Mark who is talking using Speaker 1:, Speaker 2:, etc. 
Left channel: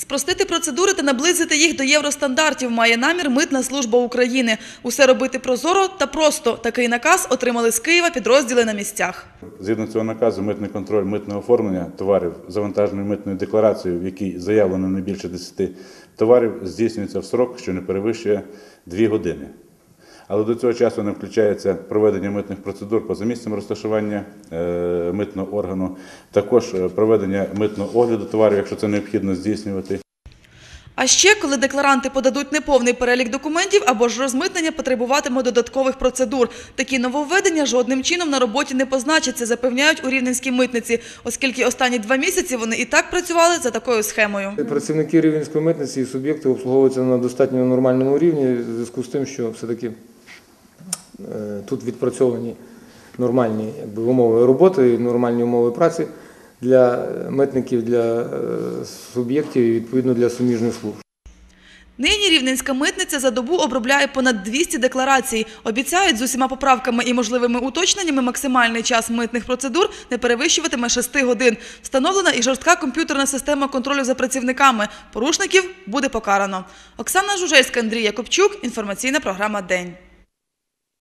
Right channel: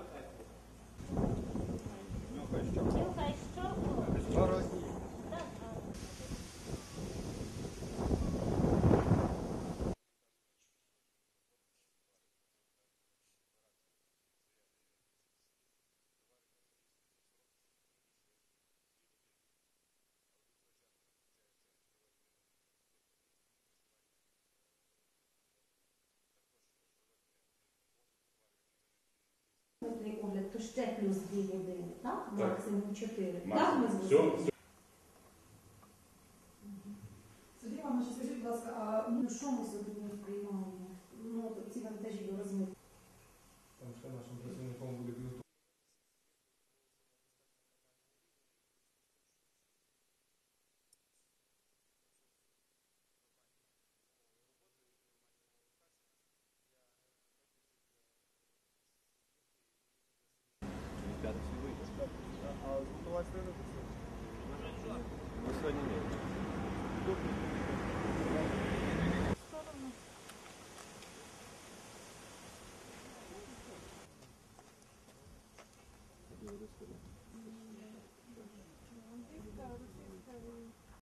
Speaker 1: Спростити процедури та наблизити їх до євростандартів має намір Митна служба України. Усе робити прозоро та просто. Такий наказ отримали з Києва підрозділи на місцях.
Speaker 2: Згідно цього наказу, митний контроль митного оформлення товарів завантаженою митною декларацією, в якій заявлено не більше 10 товарів, здійснюється в срок, що не перевищує 2 години. Але до цього часу не включається проведення митних процедур поза місцем розташування е, митного органу, також е, проведення митного огляду товарів, якщо це необхідно здійснювати.
Speaker 1: А ще, коли декларанти подадуть неповний перелік документів або ж розмитнення потребуватиме додаткових процедур. Такі нововведення жодним чином на роботі не позначаться, запевняють у Рівненській митниці, оскільки останні два місяці вони і так працювали за такою схемою.
Speaker 3: Працівники Рівненської митниці і суб'єкти обслуговуються на достатньо нормальному рівні в зв'язку з тим, що все-таки е, тут відпрацьовані нормальні якби, умови роботи, нормальні умови праці для е, митників, для е, суб'єктів і відповідно для суміжних служб.
Speaker 1: Нині Рівненська митниця за добу обробляє понад 200 декларацій. Обіцяють, з усіма поправками і можливими уточненнями максимальний час митних процедур не перевищуватиме 6 годин. Встановлена і жорстка комп'ютерна система контролю за працівниками. Порушників буде покарано. Оксана Жужельська, Андрій Якобчук. Інформаційна програма «День».